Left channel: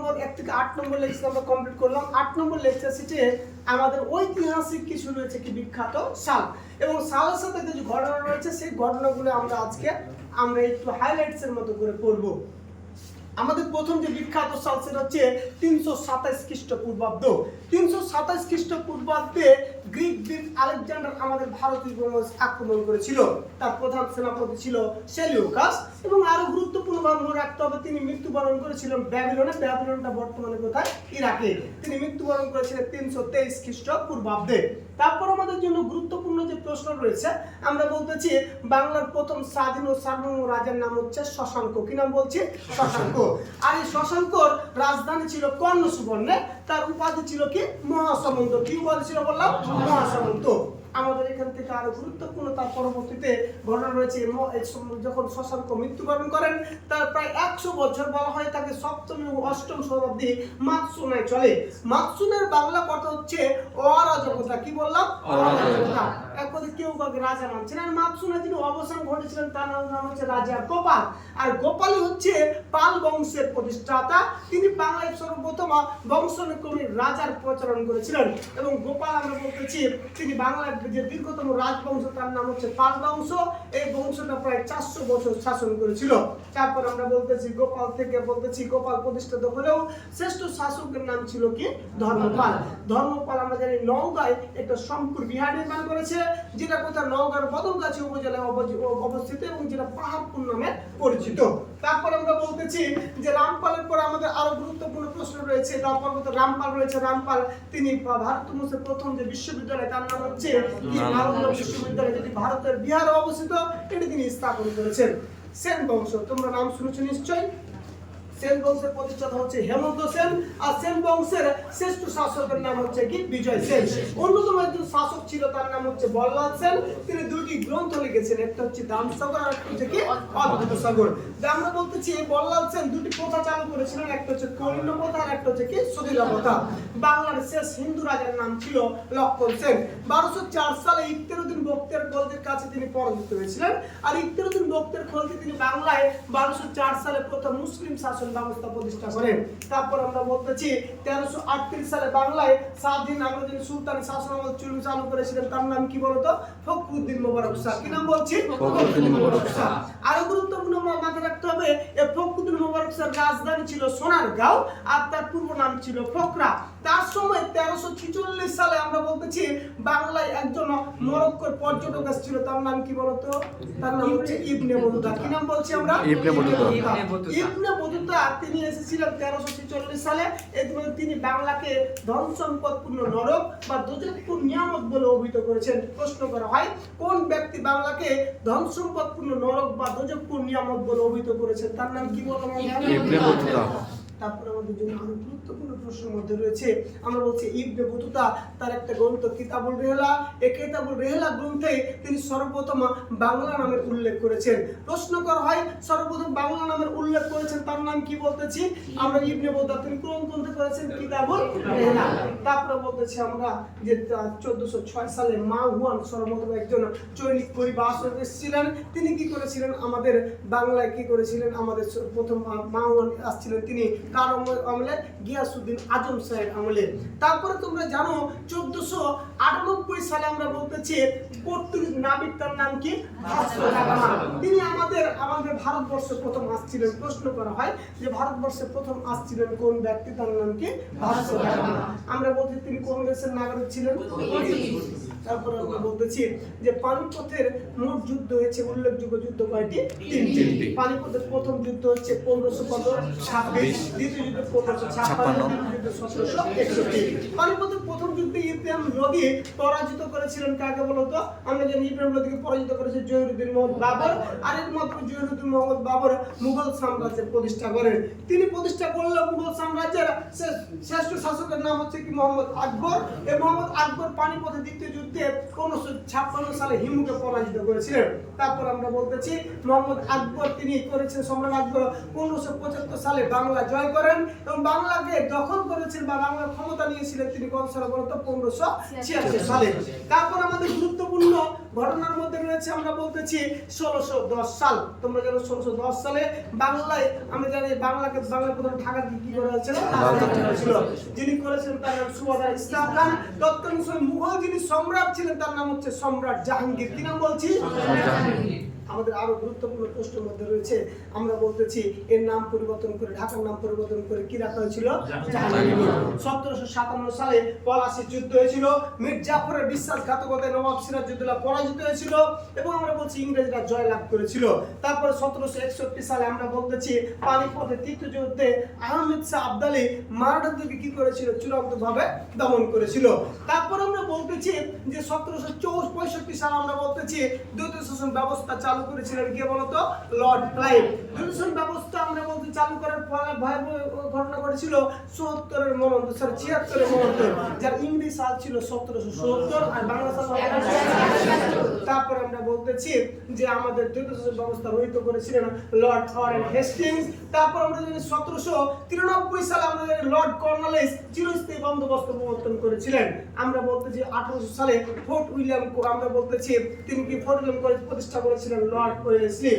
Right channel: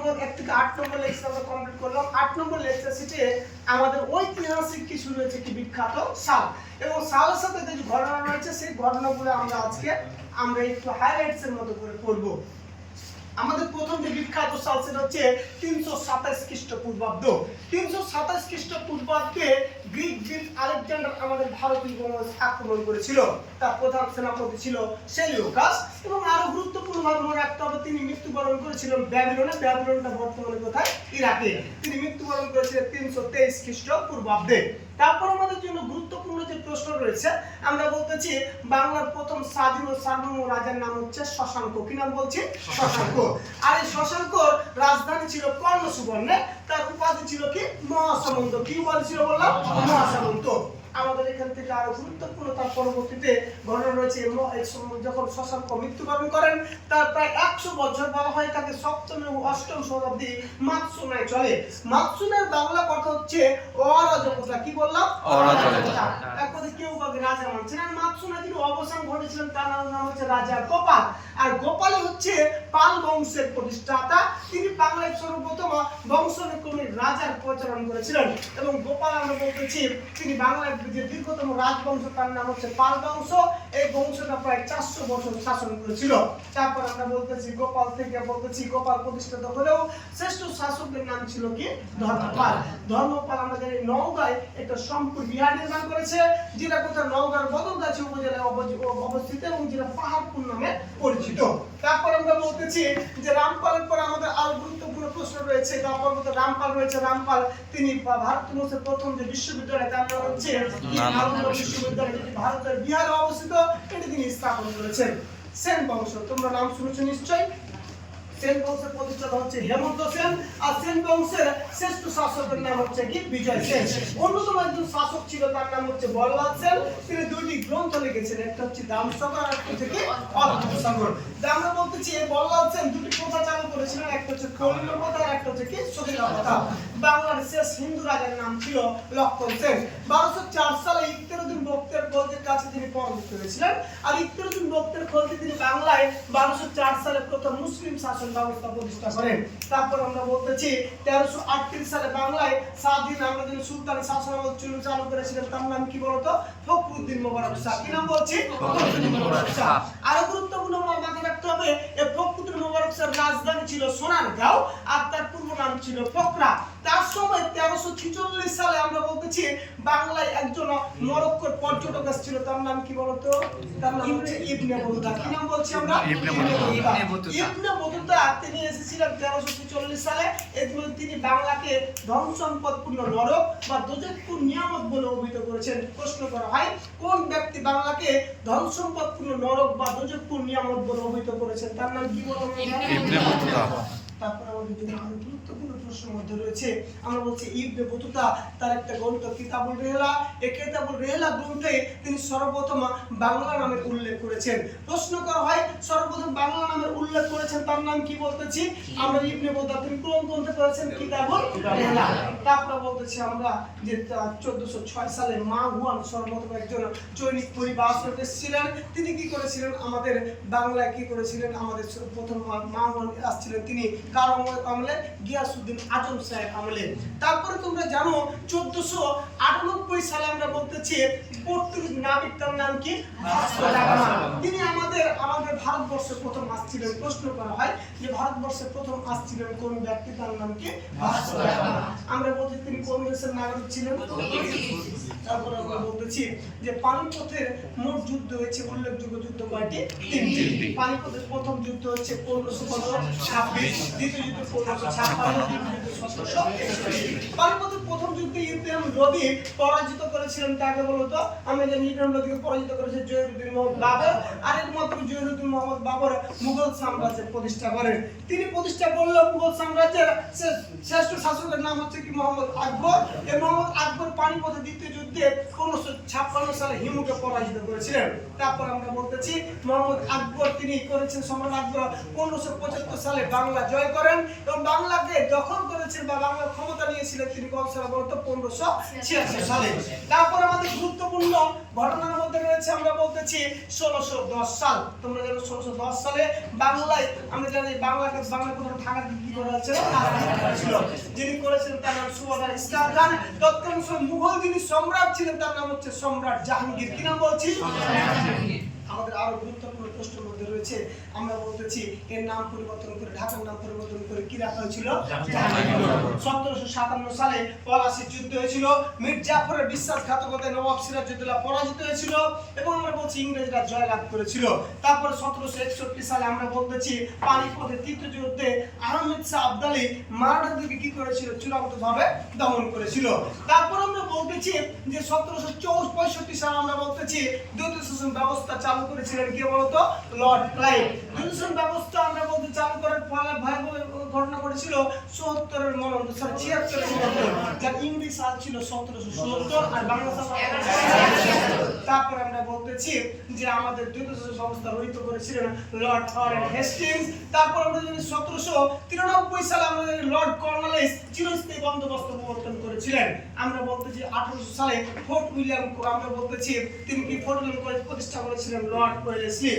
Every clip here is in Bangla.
নম্বর, এক থেকে আট নম্বর লেকচার আমরা কমপ্লিট করলাম। আট নম্বর লেকচার সিটে আমাদের ঐতিহাসিক কিছু রয়েছে কি বিখ্যাত সাল। এবং সালের সাথে যে ঘটনা রয়েছে, সেই ঘটনাগুলো আমরা আজকে আমরা একটু হাইলাইটস এর মতো করে করব আমাদের প্রথম যে বিখ্যাত সাল সেটা হচ্ছে তিনশো সাতাইশ খ্রিস্টপূর্বাব্দ। তিনশো সাতাইশ খ্রিস্টপূর্বাব্দে গ্রিক গ্রিক আলেকজান্ডার আমাদের ভারতীয় উপমহাদেশ আক্রমণ করেছিল। তার প্রধান সেনাপতি ছিল সেলিওকাস এবং আরও গুরুত্বপূর্ণভাবে মনে রাখতে হবে তিনি মৃত্যুবরণ করেছিলেন ব্যাবিলনে। ব্যাবিলনটা বর্তমানে কোথায়? ইরাকে। তিনি মৃত্যুবরণ করেছিলেন তিনশো তেইশ খ্রিস্টপূর্বাব্দে। তারপর আমাদের জন্য গুরুত্বপূর্ণ যে প্রশ্ন রয়েছে আমরা বলতেছি বাংলার প্রথম স্বাধীন ও সার্বভৌম রাজার নাম হচ্ছে শশাঙ্ক। কি নাম বলছি? শশাঙ্ক। আর এই শশাঙ্কর রাজধানী ছিল কর্ণ সুবর্ণে তার উপাধি ছিল কি? মহাসামন্ত। কি উপাধি ছিল বললাম? মহাসামন্ত। আমাদের এখান থেকে আরও গুরুত্বপূর্ণ তার পরবর্তীতে ঘটনা রয়েছে। যখন শশাঙ্ক মৃত্যুবরণ করেন তার প্রায় একশো বছর বলা হয় তাকে সপ্তম এবং অষ্টম শতাব্দী মাতসুনায় চলে। মাতসুনের বাংলা কথা হচ্ছে অরাজকতা। কি বললাম? অরাজকতা। এক কথায় কেউ কাউকে রাজা মানছে না। মাতসুনা যিনি অবসান ঘটেছিলেন তার নাম হচ্ছে রাজা গোপাল। আর গোপালই হচ্ছে পাল বংশের প্রতিষ্ঠাতা। তিনি বাংলায় সর্বপ্রথম বংশক্রমে রাজার প্রচলন করেছিলেন। এবং গোপাল আমরা বলতেছি তিনি বাংলার যে দীর্ঘতম রাজবংশ, তার নাম হচ্ছে পাল বংশ এই বংশটা প্রায় চারশো বছর শাসন করেছিল। তারপর আমরা বলতেছি গোপাল থেকে বলতেছি গোপাল প্রতিষ্ঠিত হলেও শ্রেষ্ঠ শাসকদের নাম ছিল কি? ধর্মপাল। ধর্মপাল আমাদের এই নওগাঁয় একটা সম্পূর্ণ বিহার নির্মাণ করেছে, যেটা কোথায়? নওগাঁর বদলগাছি উপজেলায় অবস্থিত এবং যেটা পাহাড়পুর নামে পরিচিত। তারপর আমরা বলতেছি যে রামপালের পর আমাদের আরও গুরুত্বপূর্ণ প্রশ্ন রয়েছে তারপর রামপাল রয়েছে। রামপাল, তিনি ভারতবর্ষের প্রথম যে বিশ্ববিদ্যালয়, তার নাম হচ্ছে ভারতের বিহারে অবস্থিত এটি তিনি স্থাপন করেছেন। সেন বংশ তোমরা নাম শুনেছো নিশ্চয়ই? সেন বংশের প্রতিষ্ঠাতা হচ্ছে হেমন্ত সেন, আর সেন বংশের শ্রেষ্ঠ শাসকের নাম হচ্ছে কি? বিজয় সেন। অন্যতম একজন শাসক ছিল, তার নাম হচ্ছে বল্লাল সেন। তিনি দুইটি গ্রন্থ লিখেছেন, একটা হচ্ছে দামসাগর আর একটা হচ্ছে কি? অদ্ভুত সাগর। আমরা বলতেছি, এই বল্লাল সেন দুটি প্রথা চালু করেছিলেন, একটা হচ্ছে কলিঙ্গ প্রথা আর একটা হচ্ছে কি? সদিলা প্রথা। বাংলার শেষ হিন্দু রাজার নাম ছিল লক্ষণ সেন। বারোশো চার সালে ইত্তেরুদ্দিন বক্তের খলদের কাছে তিনি পরাজিত হয়েছিলেন, আর ইত্তেরুদ্দিন বক্তের খলদে তিনি বাংলায় বারোশো চার সালে প্রথম মুসলিম শাসন ব্যবস্থা প্রতিষ্ঠা করেন। তারপর আমরা বলতেছি তেরোশো আটত্রিশ সালে বাংলায় স্বাধীন আমরা যিনি সুলতানি শাসন আমল চুলু চালু করেছিলেন। তার নাম কি বলতো? ফখরুদ্দিন মোবারক শাহ। কি নাম বলছি? আরও গুরুত্বপূর্ণ মাথায় রাখতে হবে এই ফখরুদ্দিন মোবারক শাহর রাজধানী ছিল সোনারগাঁও আর তার পূর্ব নাম ছিল ফকরা তার সময় তেরোশো ছিচল্লিশ সালে আমরা বলতেছি বাংলায় একজন মরক্কোর পর্যটক এসেছিল তার নাম কি বলতো তার নাম হচ্ছে ইবনে বতুতা কি নাম বলছি আমরা ইবনে বতুতা। Ibn Battuta. তিনি এসেছিলেন তেরোশো ছেচল্লিশ সালে এবং তিনি বাংলাকে ধন সম্পদপূর্ণ নরক বা দোজকপুর নিয়ামত বলে অভিহিত করেছেন প্রশ্ন করা হয় কোন ব্যক্তি বাংলাকে ধন সম্পদপূর্ণ নরক বা দোজকপুর নিয়ামত বলে অভিহিত করেছেন তার নাম কি আমরা? Ibn Battuta. তারপর আমাদের জন্য গুরুত্বপূর্ণ প্রশ্নের মধ্যে রয়েছে। আমরা বলছি, ইবনে বতুতা তার একটা গ্রন্থ, কিতাবুল রেহলা। এ কিতাবুল রেহলা গ্রন্থে তিনি সর্বপ্রথম বাংলা নামের উল্লেখ করেছেন। প্রশ্ন করা হয়, সর্বপ্রথম বাংলা নামের উল্লেখ করেছেন, তার নাম কি বলতেছি? আমরা ইবনে বতুতা, তিনি কোন গ্রন্থে করেছেন কিতাবুল রেহলা। তারপরে বলতেছি আমরা যে চোদ্দশো ছয় সালে মা হুয়ান সর্বপ্রথম একজন চৈনিক পরিবার ছিলেন তিনি কি করেছিলেন? আমাদের বাংলায় কি করেছিলেন? আমাদের প্রথম মা হুয়ান আসছিলেন, তিনি কার আমল- গিয়াসুদ্দিন আজম সাহেব আমলে। তারপরে তোমরা জানো, চোদ্দশো আটানব্বই সালে আমরা বলতেছি পর্তুগিজ নাবিক তার নাম কি। তিনি আমাদের আমাদের ভারতবর্ষে প্রথম আসছিলেন। প্রশ্ন করা হয় যে ভারতবর্ষে প্রথম আসছিলেন কোন ব্যক্তি? তার নাম কি? আমরা বলছি, তিনি দেশের নাগরিক ছিলেন। তারপরে আমরা বলতেছি যে পানিপথের মোট যুদ্ধ হয়েছে উল্লেখযোগ্য যুদ্ধ কয়টি? তিনটি। পানিপথের প্রথম যুদ্ধ হচ্ছে পনেরোশো কত? ছাব্বিশ। দ্বিতীয় যুদ্ধ পনেরোশো ছাপ্পান্ন। ছাপ্পান্ন। যুদ্ধ সতেরোশো একষট্টি। পানিপথের প্রথম যুদ্ধে ইব্রাহিম লোদি পরাজিত করেছিলেন, কাকে বলতো? আমরা জানি ইব্রাহিম লোদিকে পরাজিত করেছে জহিরুদ্দিন মোহাম্মদ বাবর। আর একমাত্র জহিরুদ্দিন মোহাম্মদ বাবর মুঘল সাম্রাজ্যের প্রতিষ্ঠা করেন। তিনি প্রতিষ্ঠা করলেও মুঘল সাম্রাজ্যের শ্রেষ্ঠ শাসকের নাম হচ্ছে কি? মোহাম্মদ আকবর। এই মোহাম্মদ আকবর পানিপথে দ্বিতীয় যুদ্ধে উনিশশো ছাপ্পান্ন সালে হিমুকে পরাজিত করেছিলেন। তারপর আমরা বলতেছি, মোহাম্মদ আকবর তিনি করেছেন সম্রাট আকবর। পনেরোশো পঁচাত্তর সালে বাংলা জয় করেন এবং বাংলাকে দখল করেছেন বা বাংলার ক্ষমতা নিয়েছিলেন তিনি কত সালে বলতো পনেরোশো ছিয়াশি সালে। তারপর আমাদের গুরুত্বপূর্ণ ঘটনার মধ্যে রয়েছে আমরা বলতেছি ষোলোশো দশ সাল। তোমরা জানো ষোলোশো দশ সালে বাংলায় আমরা জানি বাংলাকে বাংলা প্রথম ঢাকা কি করা হয়েছিল? রাজধানী করা হয়েছিল যিনি করেছেন তার নাম সুবাদার ইসলাম খান। তৎকালীন মুঘল যিনি সম্রাট ছিলেন তার নাম হচ্ছে সম্রাট জাহাঙ্গীর। কি নাম বলছি? আমাদের আরও গুরুত্বপূর্ণ প্রশ্নের মধ্যে রয়েছে। আমরা বলতেছি, এর নাম পরিবর্তন করে, ঢাকার নাম পরিবর্তন করে কি রাখা হয়েছিল? সতেরোশো সাতান্ন সালে পলাশির যুদ্ধ হয়েছিল। মীর জাফরের বিশ্বাসঘাতকতায় নবাব সিরাজউদ্দৌলা পরাজিত হয়েছিল এবং আমরা বলছি ইংরেজরা জয়লাভ করেছিল। তারপরে সতেরোশো একষট্টি সালে আমরা বলতেছি পানিপথের তৃতীয় যুদ্ধে আহমেদ শাহ আবদালি মারাঠাদেরকে কি করেছিল? চূড়ান্ত ভাবে দমন করেছিল। তারপর আমরা বলতেছি যে সতেরোশো চৌষ পঁয়ষট্টি সালে আমরা বলতেছি দ্বৈত শাসন ব্যবস্থা চালু করেছিলেন কে বলতো? Lord Clive. দ্বৈত ব্যবস্থা আমরা বলতে চালু করার ফলে ভয়াবহ ঘটনা ঘটেছিল চুয়াত্তরের মনন্ত সরি ছিয়াত্তরের মনন্ত যার ইংরেজি সাল ছিল সতেরোশো সত্তর আর বাংলা সাল তারপর আমরা বলতেছি যে আমাদের দ্বৈত ব্যবস্থা রহিত করেছিলেন লর্ড ওয়ারেন হেস্টিংস। তারপর আমরা জানি সতেরোশো তিরানব্বই সালে আমরা জানি লর্ড কর্নালিস চিরস্থায়ী বন্দোবস্ত প্রবর্তন করেছিলেন। আমরা বলতেছি আঠারোশো সালে ফোর্ট উইলিয়াম আমরা বলতেছি তিনি কি ফোর্ট উইলিয়াম কলেজ প্রতিষ্ঠা করেছিলেন? লর্ড ওয়েলেসলি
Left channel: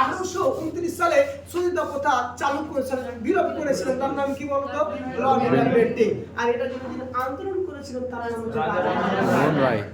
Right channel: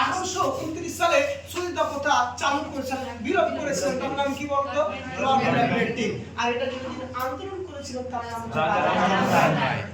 আঠারোশো উনত্রিশ সালে সুবিধা প্রথা চালু করেছিলেন বিলোপ করেছিলেন। তার নাম কি বলতো লর্ড উইলিয়াম আর এটা যিনি আন্দোলন করেছিলেন তার নাম।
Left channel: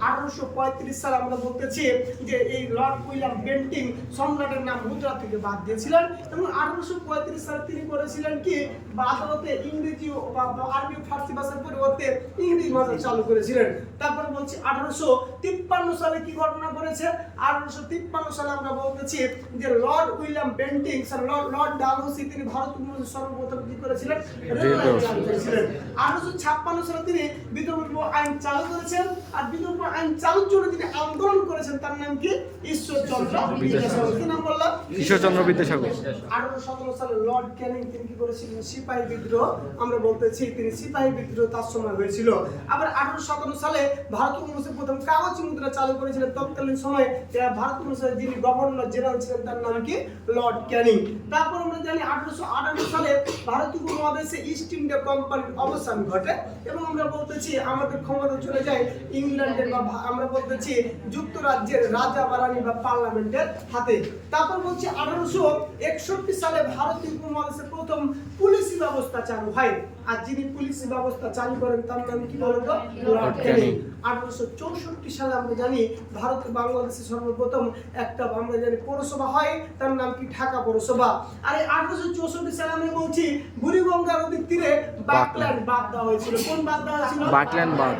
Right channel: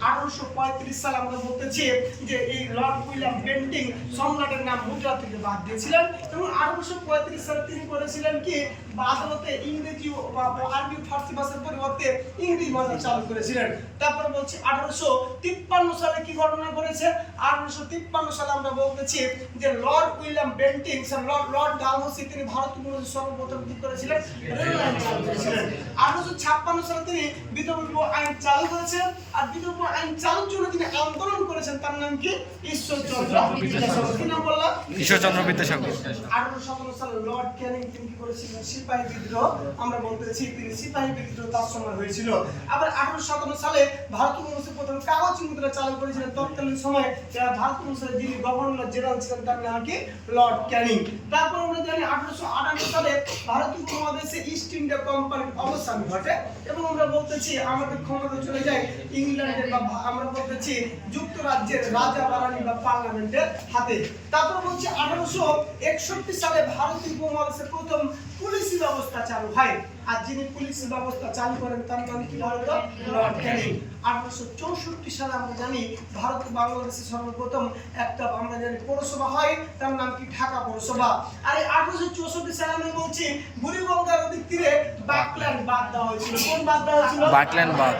আঠারোশো পঁয়ত্রিশ সালে আমরা বলতেছি যে এই লর্ড উইলিয়াম বেন্টিং সম্রাটের নাম মুদ্রা থেকে বাদ দিয়েছিলেন। এবং আঠারোশো পঁয়ত্রিশ সালে তিনি করেছিলেন কি? বা আদালতে ইংরেজি বা আরবি ফার্সি ভাষার পরিবর্তে ইংরেজি ভাষা চালু করেছিলেন। তারপর বলছি আঠারোশো তিপ্পান্ন সালে কি ঘটনা ঘটেছে? আঠারোশো তিপ্পান্ন সালে আমরা বলতেছি যে Lord William Bentinck Lord Lord Dalhousie তিনি ভারত উপমহাদেশে সর্বপ্রথম কি করেছিলেন? রেললাইন চালু করেছিলেন। আঠারোশো ছাপ্পান্ন সালে তিনি বিধবা আইন চালু করেছেন আর বিধবা আইন চালুর জন্য তিনি আন্দোলন করেছেন। তার নাম কি? ঈশ্বরচন্দ্র বিদ্যাসাগর। কি নাম বললাম? ঈশ্বরচন্দ্র বিদ্যাসাগর। আঠারোশো সতেরো সালে লর্ড ক্যানিং তিনি কি করেছিলেন? সিপাহী বিদ্রোহ। আমরা বলতেছি তিনি সিপাহী বিদ্রোহ তার সময় হয়েছিল। আবার আঠারোশো সতেরো সালে ভারত উপমহাদেশে প্রথম কাগজ মুদ্রা চালু করেছিলেন তৎকালীন সময়ে যারা ভারত উপমহাদেশের যিনি গভর্নর জেনারেল ছিলেন তার নাম কি? Lord Canning. তারপর আমরা জানি আঠারোশো আটান্ন সালে ভারত উপমহাদেশে ইস্ট ইন্ডিয়া কোম্পানির অবসান ঘটে এবং আমরা বলতেছি আমাদের ক্ষমতা চলে যায় ইংল্যান্ডের বা আমরা বলতেছি যুক্তরাজ্যের রাজা বা রানী বা পার্লামেন্টের হাতে। তারপর বলছি আঠারোশো একষট্টি সালে ভারত উপমহাদেশে প্রথম পুলিশি ব্যবস্থা চালু হয়। আর যিনি পুলিশি ব্যবস্থা চালু করেন তার নাম কি বলতো? Lord Canning. আঠারোশো চৌষট্টি সালে আমরা জানি ভারত বাংলাদেশে সর্বপ্রথম একটা আমরা জানি পৌরসভা হয়। তার নাম কি? ঢাকা পৌরসভা। আর এই আঠারোশো চৌষট্টি সালে আমরা বলছি বুড়িগঙ্গা নদীর তীরে বাকল্যান্ড বাদ দেওয়া হয়েছিল। কোন বাদ দেওয়া হয়েছিল? বাকল্যান্ড বাদ।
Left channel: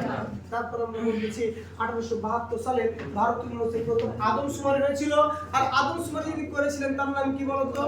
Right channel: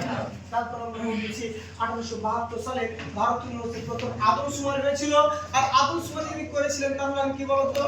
তারপর আমরা বলতেছি আঠারোশো বাহাত্তর সালে ভারত ইউনিভার্সিটি প্রথম আদমশুমারি হয়েছিল। আর আদমশুমারি করেছিলেন তার নাম কি বলতো?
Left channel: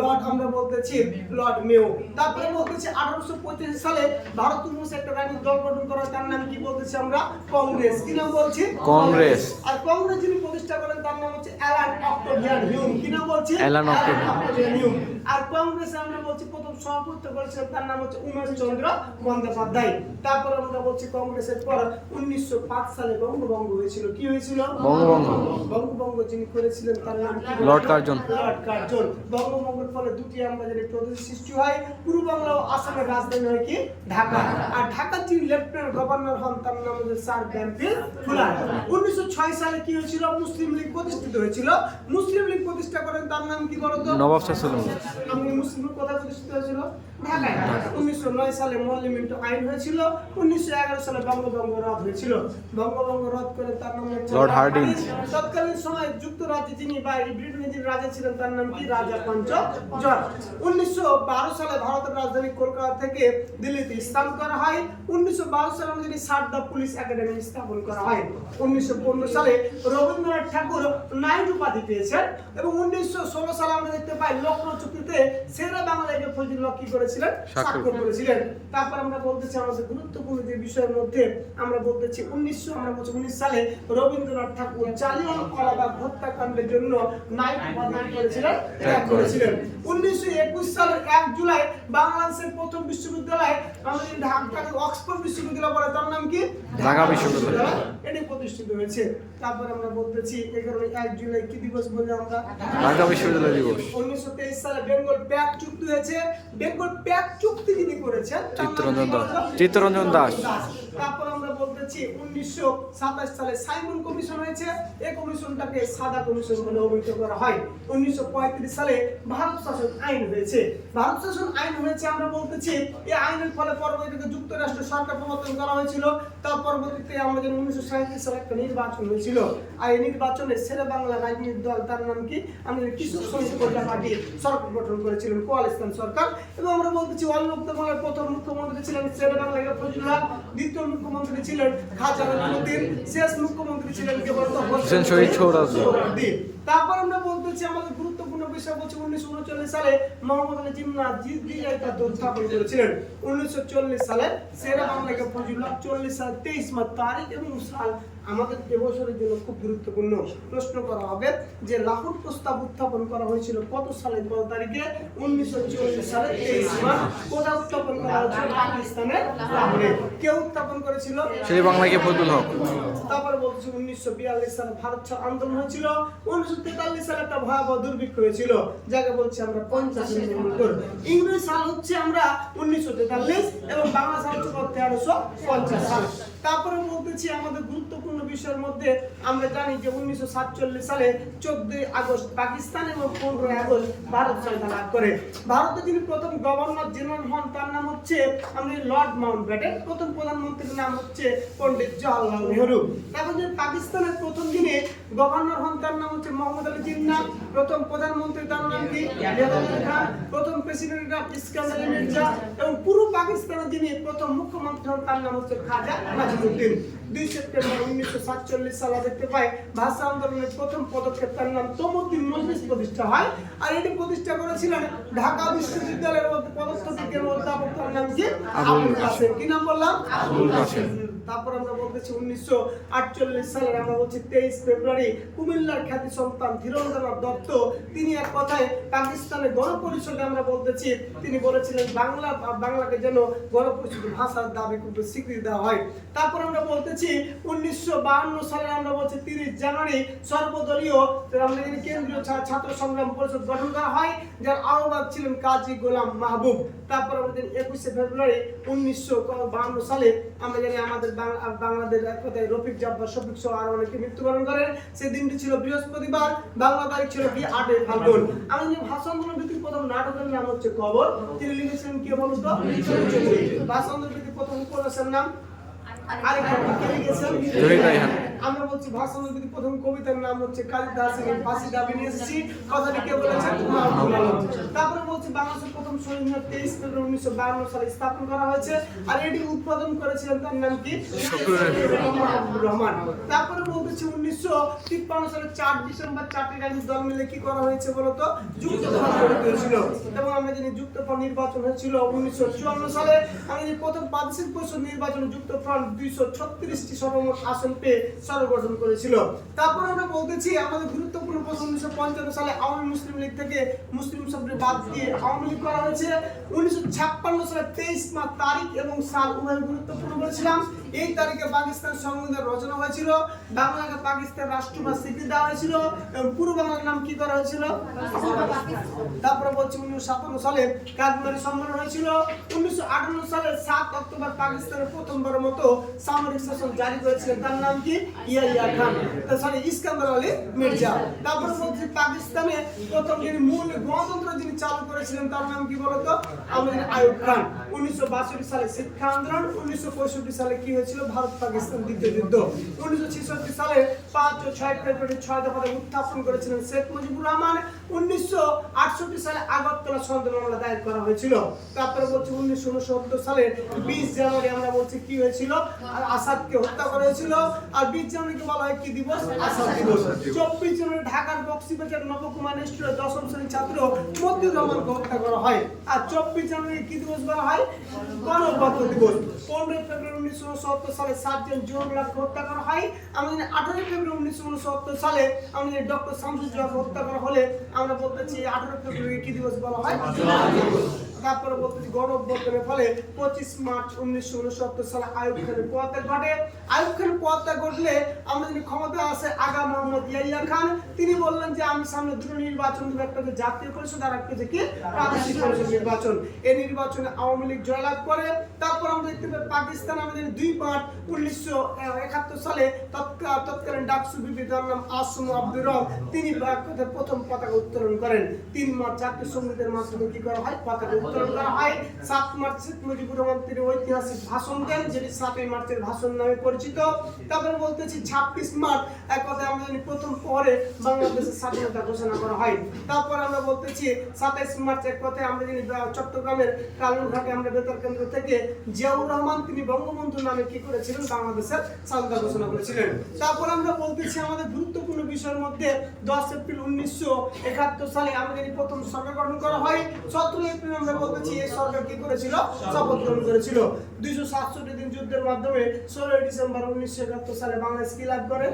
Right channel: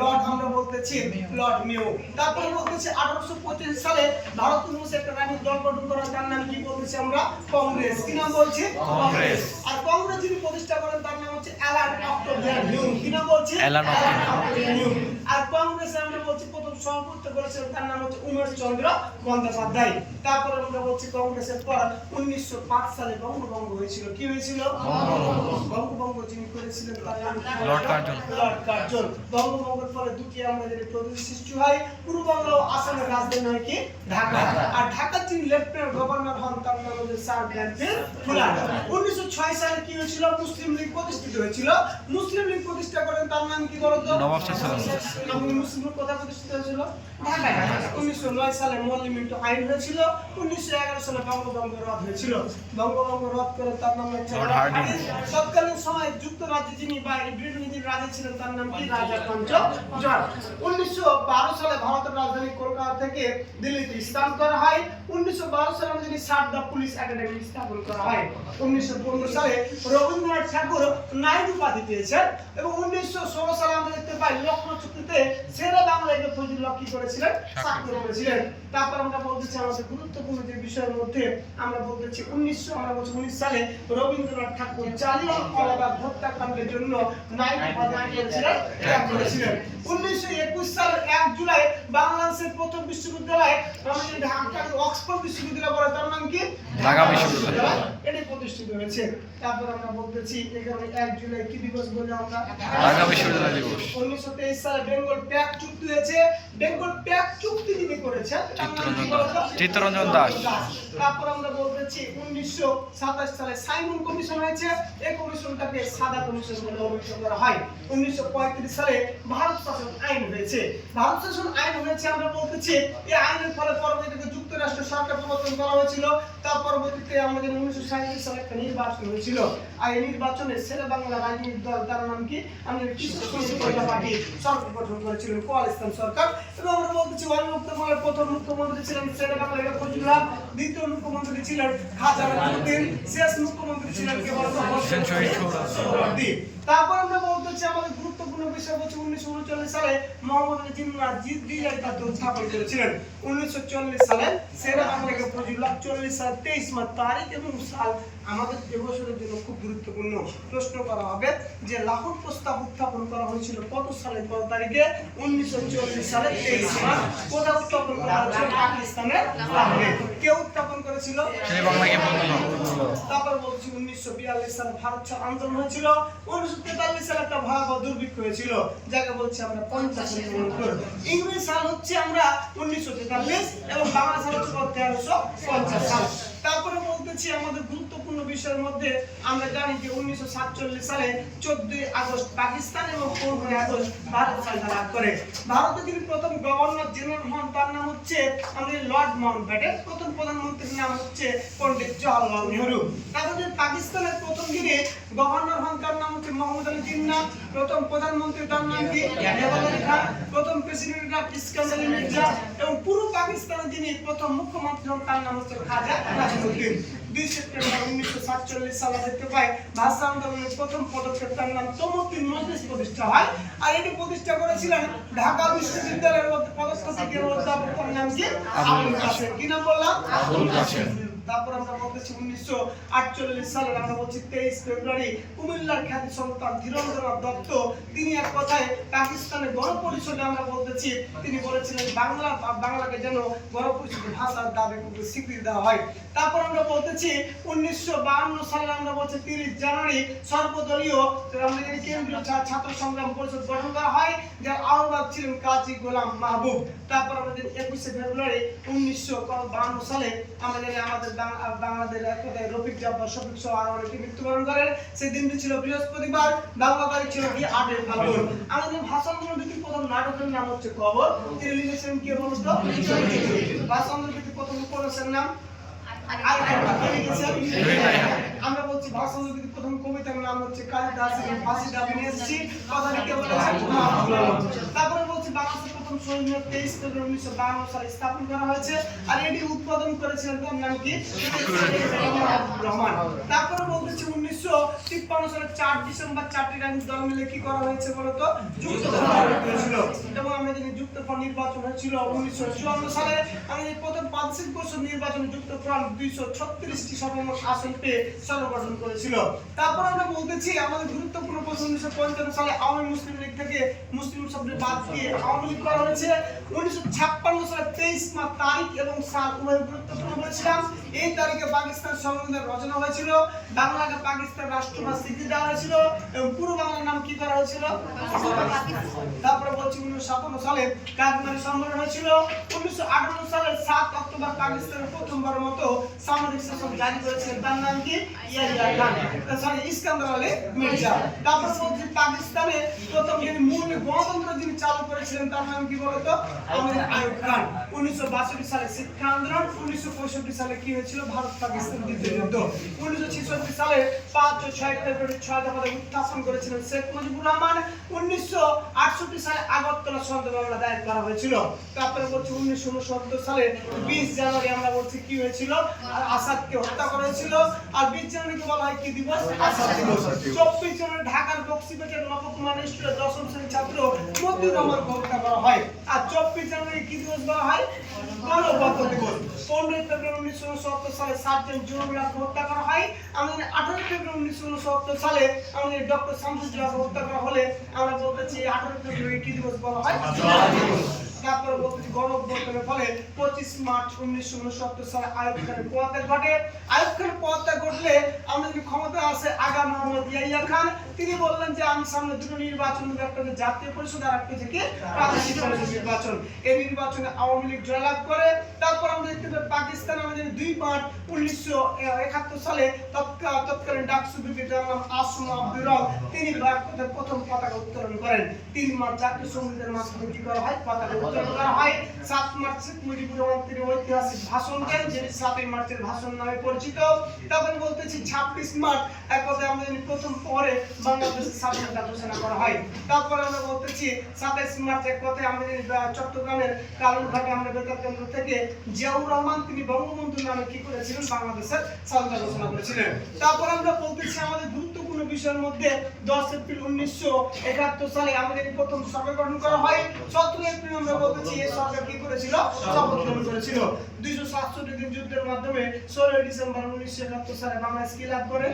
লর্ড আমরা বলতেছি লর্ড মেও তারপরে বলতেছি আঠারোশো পঁচিশ সালে ভারত ইউনিভার্সিটি একটা রাজনৈতিক দল গঠন করা তার নাম কি বলতেছি আমরা? কংগ্রেস। কি নাম বলছি? কংগ্রেস। আর কংগ্রেস যিনি প্রতিষ্ঠা করেন তার নাম হচ্ছে অ্যালান অক্টোভিয়ান হিউম কি নাম বলছি? Allan Octavian. হিউম আর কংগ্রেসে আমরা বলছি প্রথম সভাপতিত্ব করেছেন তার নাম হচ্ছে উমেশ চন্দ্র বন্দ্যোপাধ্যায়। তারপর আমরা বলছি কংগ্রেসের পর উনিশশো পাঁচ সালে বঙ্গভঙ্গ হয়েছিল। কি হয়েছিল? বঙ্গভঙ্গ। বঙ্গভঙ্গ যিনি করেছিলেন তার? Lord Curzon. Lord Curzon. বঙ্গভঙ্গের ফলে দুটি আমাদের প্রদেশ সৃষ্টি হয়। পূর্ব বাংলা ও আসামের রাজধানী হয় কি? ঢাকা। আর ঢাকার যিনি লেফটেন্যান্ট গভর্নর হন তার নাম হচ্ছে স্যার ফুলার। উনিশশো ছয় সালে কি হয়েছিল? মুসলিম লীগ প্রতিষ্ঠিত হয়েছিল। মুসলিম লীগ প্রতিষ্ঠা করেন তার নাম কি বলতো? নবাব শাহ সুলতান। আমি মুসলিম লীগ কোথায় প্রতিষ্ঠিত হয়েছিল? ঢাকায়। উনিশশো নয় সালে মল্লিমিন্ট আইন হয়েছিল। উনিশশো এগারো সালে বঙ্গভঙ্গ রদ হয়েছিল। বঙ্গভঙ্গ রদ করে তার নাম হচ্ছে লর্ড হার্ডিং। তৎকালীন সময় যুক্তরাজ্যে যিনি বা এই ব্রিটেনের যিনি রাজা ছিলেন তার নাম কি? রাজা পঞ্চম উনিশশো সালে ভারতের রাজধানী কলকাতা থেকে দিল্লিতে স্থান করা হয়। উনিশশো বারো সালে আমাদের সারদা পুলিশ একাডেমি স্থাপন করা হয়। উনিশশো পনেরো সালে রবীন্দ্রনাথ ঠাকুর নাইট উপাধি পেয়েছেন এবং উনিশশো ষোলো সালে আমরা দেখতে পাই লখনৌ চুক্তিতে সেরা বাংলাকে ফজিল কি করেছিলেন? স্বাক্ষর করেছিলেন। তারপর আমরা বলতেছি আমাদের গুরুত্বপূর্ণ যে বিষয়ের মধ্যে আমরা বলতেছি উনিশশো আমরা বলছি উনিশ সালে রবীন্দ্রনাথ ঠাকুর জালিয়ানওয়ালাবাগ হত্যাকাণ্ডের জন্য নাইট উপাধি কি ত্যাগ করেছিলেন উনিশশো একুশ সালের এক জুলাই বাংলাদেশের প্রথম বিশ্ববিদ্যালয় ঢাকার অক্সফোর্ড বিশ্ববিদ্যালয় বলে তার নাম কি? ঢাকা বিশ্ববিদ্যালয়। এটি প্রতিষ্ঠিত হয়েছে। তারপর আমরা বলতেছি এখানে এক জুলাই কি দিবস বলে আমরা? ঢাকা বিশ্ববিদ্যালয় দিবস। উনিশশো তেইশ সালে বেঙ্গল প্যাক চুক্তি হয়েছে। বেঙ্গল প্যাক চুক্তি যিনি করেছেন চিত্তরঞ্জন দাস। চিত্তরঞ্জন দাস। তারপর আমরা বলতেছি উনিশশো সাতাশ সালে সাইমন কমিশন হয়েছে। এই কমিশনটাকে সাদা কমিশন বলে অভিহিত করা হয়। উনিশশো পঁয়ত্রিশ সালে ভারত শাসন আইন হয়েছে। ভারত শাসন আইন হয়েছে আমরা বলতেছি এই আইনের ফলে পরবর্তীতে যুক্তরাষ্ট্র সরকার প্রবর্তন করা হয়েছিল। তার পরবর্তীতে আমাদের উনিশশো সালে একটা নির্বাচন হয়েছিল। আর এই নির্বাচনে শেরে বাংলা রাজনীতির দল তার নাম কি? আমাদের কৃষক শ্রমিক কল্যাণ পার্টি সরকার গঠন করেছিলেন কোয়ালিস্তান সরকার। এবং আমরা বলতেছি অন্যুক্ত বাংলার প্রথম মুখ্যমন্ত্রী ছিলেন শেরে বাংলা ফজলুল হক। দ্বিতীয় মুখ্যমন্ত্রী ছিলেন খাজা নাজিমুদ্দিন শেষ মুখ্যমন্ত্রী ছিলেন কে বলতো? হোসেন শহীদ সোহরাওয়ার্দী। তারপর আমরা বলতেছি আমাদের গুরুত্বপূর্ণ বিষয় হচ্ছে উনিশশো উনচল্লিশ সালে মোহাম্মদ আলী জিন্না জিদ্দিরাই তার দল স্থাপন করেছিলেন। উনিশশো চল্লিশ সালে সেরা ফজলুল্লাহ চল্লিশ সাল তেইশ মাস তারিখ এবং সাল আমাদের এবছরের জন্য খুব গুরুত্বপূর্ণ প্রশ্ন করা হবে যে লাহোর প্রস্তাব উত্থাপন করা হয়েছিল কত সালে কত তারিখে? উনিশশো চল্লিশ সালে তেইশ মাস কোথায় উত্থাপন করা হয়েছিল? পাকিস্তানের লাহোরে। কে উত্থাপন করেছিল? সেই বাংলাকে ফজলুল হক। তারপর বলছি উনিশশো বিয়াল্লিশ সালে ভারত ছাড় আন্দোলন হয়েছিল। উনিশশো তেতাল্লিশ সালে একটা ভয়াবহ দুর্ভিক্ষ হয়েছিল যাকে বলছি আমরা পঞ্চাশ ইংরেজ সাল হচ্ছে আমরা উনিশশো তেতাল্লিশ এবং বাংলা সাল হচ্ছে তেরোশো পঞ্চাশ সাল। তারপরে বলতেছি আমাদের গুরুত্বপূর্ণ বিষয়ের মধ্যে আমরা জানি যে উনিশশো সাতচল্লিশ সালে চোদ্দই আগস্ট পাকিস্তান এবং পনেরোই আগস্ট ভারত স্বাধীনতা লাভ করে। ভারতে যিনি প্রথম গভর্নর জেনারেল হন, তার নাম হচ্ছে আমাদের লর্ড মাউন্ট ব্যাটেন প্রথম প্রধানমন্ত্রীর নাম হচ্ছে পণ্ডিত জওয়াহরলাল নেহরু। তারপর যে পাকিস্তানের প্রথম দিনে গভর্নর হন, তার নাম হচ্ছে মোহাম্মদ আলী জিন্নাহ প্রথম প্রধানমন্ত্রী, তার নাম কি? প্রথম প্রেসিডেন্ট অফ ইস্কান্দার এবং পুরো পাকিস্তানের যিনি প্রথম মুখ্যমন্ত্রী হন, তার নাম হচ্ছে খাজা নাজিমুদ্দিন। দুই সেপ্টেম্বর উনিশশো সাতচল্লিশ সালে দেখতে পাই ভাষা আন্দোলনের প্রথম পদক্ষেপ তার নাম তমুদ্দিন মজলিস প্রতিষ্ঠা হয়। আর এটি প্রতিষ্ঠা করেছিলেন ঢাকা বিশ্ববিদ্যালয়ের মধ্যে পদস্থিতিকের অধ্যাপক নাম কি? আবুল কাসেম কি নাম বললাম? আবুল কাসেম। তারপর আমরা বলতেছি উনিশশো আটচল্লিশ সালের, আমরা বলছি তেইশ ফেব্রুয়ারি, কুমিল্লার খ্যাতি সন্তান ধীরেন্দ্রনাথ দত্ত। তিনি এক কথায় পাকিস্তানের গণপরিষদে আমরা বলতেছি, তিনি বলেছিলেন বাংলা, বাংলাকে যেন গণপরিষদের ভাষার দাবি কিন্তু স্বীকৃতি দেওয়া হয়। তারপর আমরা বলতেছি উনিশশো বাহান্ন সালে আমরা বলছি তিরিশ জানুয়ারি, সর্বদলীয় কেন্দ্রীয় ছাত্র সংগ্রাম পরিষদ গঠন করা হয়, যার আহ্বায়ক ছিলেন কাজী গোলাম মাহবুব। তারপর আমাদের একুশে ফেব্রুয়ারি উনিশশো বাহান্ন সালে, আমরা জানি আমাদের বাংলাদেশ রফিক জব্বার শফিক সহ আরও অনেকে মৃত্যুবরণ করেন। সেই দিনটি ছিল বৃহস্পতিবার, বাংলা তারিখ ছিল কি আটই ফাল্গুন। আমাদের ভাষা আন্দোলন ভিত্তিক প্রথম নাটকের নাম হচ্ছে কবর। তিনি লিখেছিলেন কি বলতো ভাষা আন্দোলন ভিত্তিক প্রথম উপন্যাসের নাম কে লিখেছেন? আমরা বলছি ভাষা আন্দোলনের প্রথম কবিতার নাম হচ্ছে কালিদাসের ফাঁসি দাবি নিয়ে এসেছি। কথাটি কে আলম। তারপরে বলছি বাংলাদেশের প্রথম মিনার তেইশ ফেব্রুয়ারি উনিশশো বাহান্ন সালে স্থাপন করা হয়েছে আর এটি উৎপাদন করেছিলেন তার নাম কি? রহমান। তারপরে বলতেছি উনিশশো তিপ্পান্ন সালে চার ডিসেম্বর চারটি রাজনৈতিক দল মিলে কি করা হয়েছে বলতো? হয়েছিল এবং আমরা জানি যুক্তফ্রন্ট নির্বাচন হয়েছিল উনিশশো চুয়ান্ন সালে। আমি প্রথম প্রাদেশিক পরিষদ নির্বাচনে যুক্তফ্রন্ট দুইশো ছত্রিশটি সর্বমোট আসন পেয়ে সর্বগঠন করেছিল। তারপর আমরা বলতেছি, আমাদের গুরুত্বপূর্ণ প্রশ্ন উনিশশো পঞ্চান্ন সালে আওয়ামী মুসলিম লীগ থেকে মুসলিম শব্দের বাদ দিয়ে আওয়ামী লীগ করা হয়েছে। উনিশশো ছাপ্পান্ন সালে তেইশ মাস তারিখ এবং সাল উভয় গুরুত্বপূর্ণ বলেছিলাম। এই তারিখে পাকিস্তান সংবিধান রচনা হয়েছিল, বাংলাকে পাকিস্তান রাষ্ট্রভাষা স্বীকৃতি দেওয়া হয়েছিল এবং পূর্ব বাংলার নাম কি করা হয়েছিল? তারপরে বলছি উনিশশো সাতান্ন সালে কাশ্মীরি সম্মেলন হয়েছিল। উনিশশো আটান্ন সালের সাত অক্টোবর পাকিস্তানের প্রথমবারের মতো সামরিক শাসন জারি করেছিলেন। তার নাম কি? ইয়াহিয়া খান। সরি ইস্কান্দার আলী মির্জা। তারপরে বলছি পাকিস্তানে প্রথম যিনি মূল গণতন্ত্র যিনি চালু করেছিলেন, তার নাম কি বলতো? আমাদের আয়ুব খান। উনিশশো বাষট্টি সালে শিক্ষা আন্দোলন, উনিশশো পঁয়ষট্টি সালে কি হয়েছিল ভারত পাকিস্তান দ্বিতীয় যুদ্ধ। উনিশশো ছেষট্টি সালে পাঁচ ও ছয় ফেব্রুয়ারি ছয় দফাতে উত্থাপন করেছিলেন শেখ মুজিবুর রহমান। উনিশশো আটষট্টি সালে আগরতলা সন্দেহ মামলা দায়ের করা হয়েছিল। তারপরে বলছি উনিশশো উনসত্তর সালে বিশ জানুয়ারি আমরা বলছি কি হয়েছিল? আর আসাদকে হত্যা করা হয়েছিল। আর বিশ জানুয়ারিকে বলা হয় কি দিবস? আসাদ দিবস। চব্বিশ জানুয়ারি ঢাকার বক্সিবাজার নবকুমার স্কুলে দশম শ্রেণির ছাত্র মতিউর রহমানকে হত্যা করা হয়। আর চব্বিশ জানুয়ারি কি দিবস বলা হয়? গণতন্ত্র দিবস। পনেরোই ফেব্রুয়ারি উনিশশো উনসত্তর সালে সাতজন জুরুল্লাহকে হত্যা করা হয়। আমাদের আঠারো ফেব্রুয়ারি উনিশশো উনসত্তর সালে আমাদের ডক্টর শামসুজুল্লাহকে হত্যা করা হলে আমরা বলতেছি আঠারো ফেব্রুয়ারি কি দিবস বলা হয়? তারপরে বলতেছি গণ অভ্যুত্থানের ফলে পঁচিশ মার্চ উনিশশো উনসত্তর সালে আয়ুব খানের পদত্যাগ ঘটে। আয়ুব খানের পদত্যাগ ঘটলে আমরা যদি ক্ষমতা আছে, আগা মোহাম্মদ ইয়াইয়া খান, তিনি বললেন যে আমি সামনে দুটো নির্বাচন দেবো, একটা জাতীয় পরিষদ, আর একটা হচ্ছে কি? প্রাদেশিক পরিষদ নির্বাচন। এই নির্বাচনে আওয়ামী লীগ জয়লাভ করে। তারপর আমরা দেখতে পাই পাকিস্তান আমরা যদি দুই মার্চ উনিশশো একাত্তর সালে তৎকা- তৎকালীন ডাকসু বিবি নাম আসুম আব্দুর রব, তিনি প্রথম পতাকা উত্তোলন করেন। তিন মার্চ জাতীয় সঙ্গীতের মাধ্যমে কি করা হয়? পতাকা করা হয়। সাত মার্চ মুজিবুর রহমান তিনি ঐতিহাসিক ভাষণ দেন যেটি সাতই মার্চের ভাষণ নামে পরিচিত। তারপরে বলতেছি ছাব্বিশ মার্চ এক কথায় আমরা জানি প্রথম পরে বাংলাদেশের স্বাধীনতা ঘোষণা করা হয়। তারপর আমরা বলতেছি সাতাইশ মার্চ এক কথায় আমরা চট্টগ্রামের কালুরঘাটে আমরা বেতার কেন্দ্র থেকে জিয়াউর রহমান, তিনি বঙ্গবন্ধু নামে কি করেছিলেন? বাংলাদেশের স্বাধীনতা ঘোষণা করেছিলেন। তারপর আমরা বলতেছি আমাদের গুরুত্বপূর্ণ বিষয়ের মধ্যে দশ এপ্রিল উনিশশো একাত্তর সালে আমাদের প্রথম সরকার গঠন করা হয়। সতেরো এপ্রিল আমরা বলতেছি, এই সরকার কি করেছিল? শপথ গ্রহণ করেছিল। দুইশো সাতষট্টি দিন যুদ্ধের মাধ্যমে ষোলোই ডিসেম্বর উনিশশো একাত্তর সালে বাংলাদেশ কি লাভ করে?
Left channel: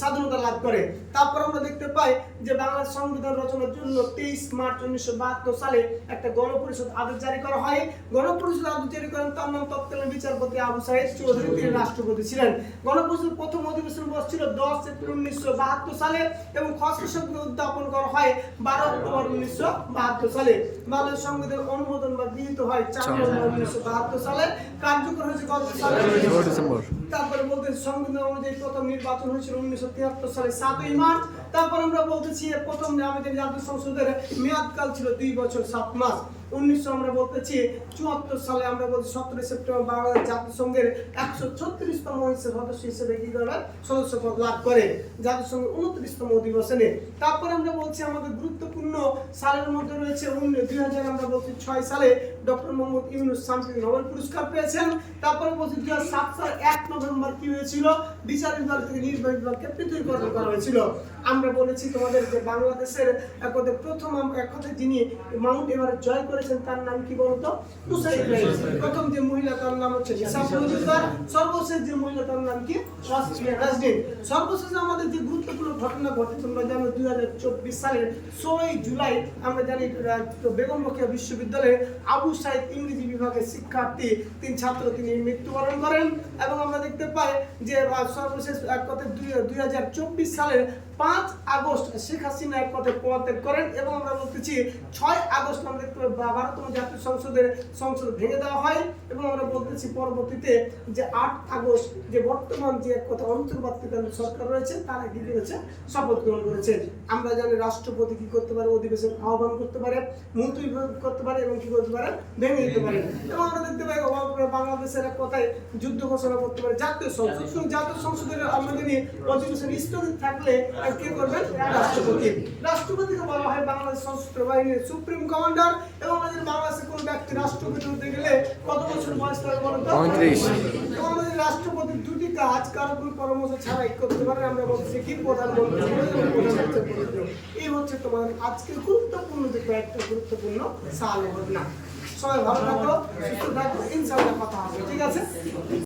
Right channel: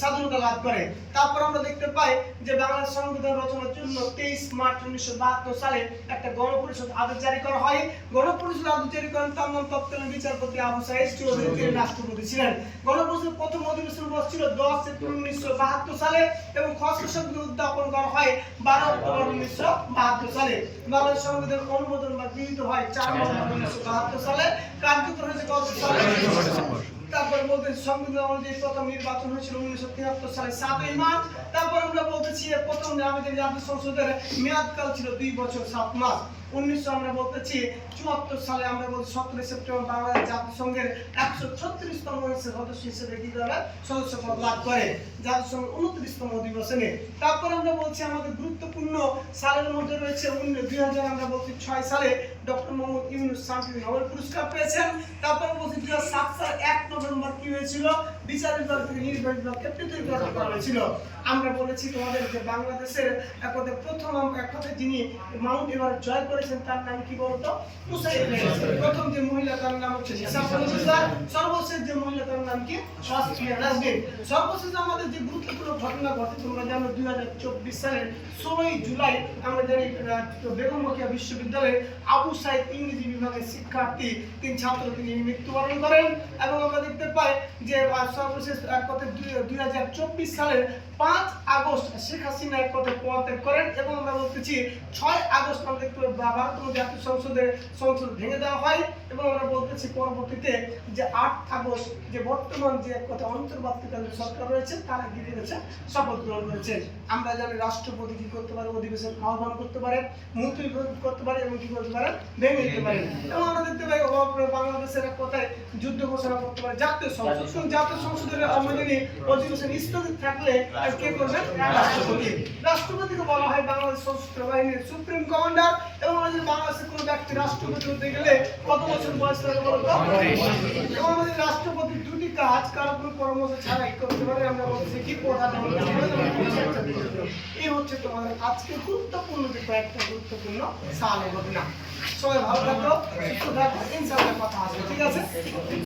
স্বাধীনতা লাভ করে। তারপর আমরা দেখতে পাই যে বাংলাদেশ সংবিধান রচনার জন্য তেইশ মার্চ উনিশশো বাহাত্তর সালে একটা গণপরিষদ আদেশ জারি করা হয়। গণপরিষদ আদেশ জারি করেন তার নাম তৎকালীন বিচারপতি আবু সাইদ চৌধুরী তিনি রাষ্ট্রপতি ছিলেন। গণপরিষদের প্রথম অধিবেশন বসছিল দশ এপ্রিল উনিশশো বাহাত্তর সালে এবং খসড়া সংবিধান উদ্যাপন করা হয় বারো অক্টোবর উনিশশো বাহাত্তর সালে। বাংলাদেশ সংবিধান অনুমোদন বা গৃহীত হয় চার নভেম্বর উনিশশো বাহাত্তর সালে। কার্যকর হয়েছে কত সালে? ডিসেম্বর। তারপরে বলতে সংবিধান অনুযায়ী প্রথম নির্বাচন হয়েছিল উনিশশো তিয়াত্তর সালে সাতই মার্চ। তারপর আমরা বলতেছি প্রথম আমাদের জাতীয় সংসদের মেয়াদকাল ছিল দুই বছর সাত মাস। উনিশশো আমরা বলতেছি, চুয়াত্তর সালে আমরা বলছি সতেরো সেপ্টেম্বর বাংলাদেশ জাতিসংঘের একশো ছত্রিশতম সদস্য হিসেবে কি করে? সদস্য পদ লাভ করে। জাতিসংঘের উনত্রিশতম অধিবেশনে তারপরে আমরা বলছি আমাদের গুরুত্বপূর্ণ সালের মধ্যে রয়েছে দুই হাজার আমরা বলছি ছয় সালে ডক্টর মোহাম্মদ ইউনুস শান্তি নোবেল পুরস্কার পেয়েছেন। তারপরে বলছি দুই হাজার সাত সালে এক নভেম্বর কি হয়েছিল? বিচার বিভাগ থেকে নির্বাহী বিভাগকে করা হয়েছিল। আমরা বলেছি তোমাদের যে বাংলাদেশের এক প্রথম এক যিনি মাউন্ট এভারেস্ট জয় করেছেন, তার নাম কি বলতো? প্রথম যে মহিলা, তার নাম হচ্ছে সর্বশেষ যে মহিলা, তার নাম কি? সর্বশেষ আমাদের যে গুরুত্বপূর্ণ ঘটনা ঘটে, তোমরা জানো দুই হাজার চব্বিশ সালের ষোলোই জুলাই, আমরা জানি বেগম বিশ্ববিদ্যালয়ের আবু সাইদ ইংরেজি বিভাগের শিক্ষার্থী, তিন ছাত্র তিনি মৃত্যুবরণ করেন। এবং আমরা দেখতে পাই যে এক দুই হাজার চব্বিশ সালের পাঁচ আগস্ট শেখ হাসিনা এক কথায় পদত্যাগ করেন এবং আমরা বলতেছি ছয় আগস্ট আমরা দেখতে পাই ভা- ভারতীয় জাতীয় সংসদের সংসদ ভেঙে দেওয়া হয় এবং আমরা বলতেছি পরবর্তীতে যে আট আগস্ট যে বর্তমান যে এক কথা অন্তর্বর্তীকালীন সরকার রয়েছে, তারা কি করেছে শপথ গ্রহণ করেছেন আমরা জানি রাষ্ট্রপতি কি করতে পারে, অধিবেশন আহ্বান করতে পারে মুলতবি করতে পারে এবং কি করতে পারে? ভেঙে দিতে পারে। এবং আমরা দেখতে পাই বাংলাদেশের এক কথায় যুদ্ধ ঘোষণা করতে পারে জাতীয় সংসদ। জাতীয় সংসদের আমরা যদি অধিবেশন স্থগিত থাকলে আর কে করবেন রাষ্ট্রপতি রাষ্ট্রপতিকে বলা হয় বাংলাদেশ সশস্ত্র বাহিনীর সুপ্রিম কমান্ডার এবং বাংলাদেশের কোনো ব্যক্তি রাষ্ট্রপতি হতে গেলে কত বছর বয়স লাগে বলো তো? পঁয়ত্রিশ। এবং আমাদের রাষ্ট্রপতি দুটি কাজ কারও কোনো পরামর্শ ছাড়াই করতে পারে আমরা বলছি কি প্রধানমন্ত্রী প্রধানমন্ত্রী। এই হচ্ছে তোমাদের আজকে গুরুত্বপূর্ণ যে কয়েকটা গুরুত্বপূর্ণ সালের ঘটনা সবাই ভালো থাকো সুস্থ থাকো ইনশাল্লাহ কথা হবে ঠিক আছে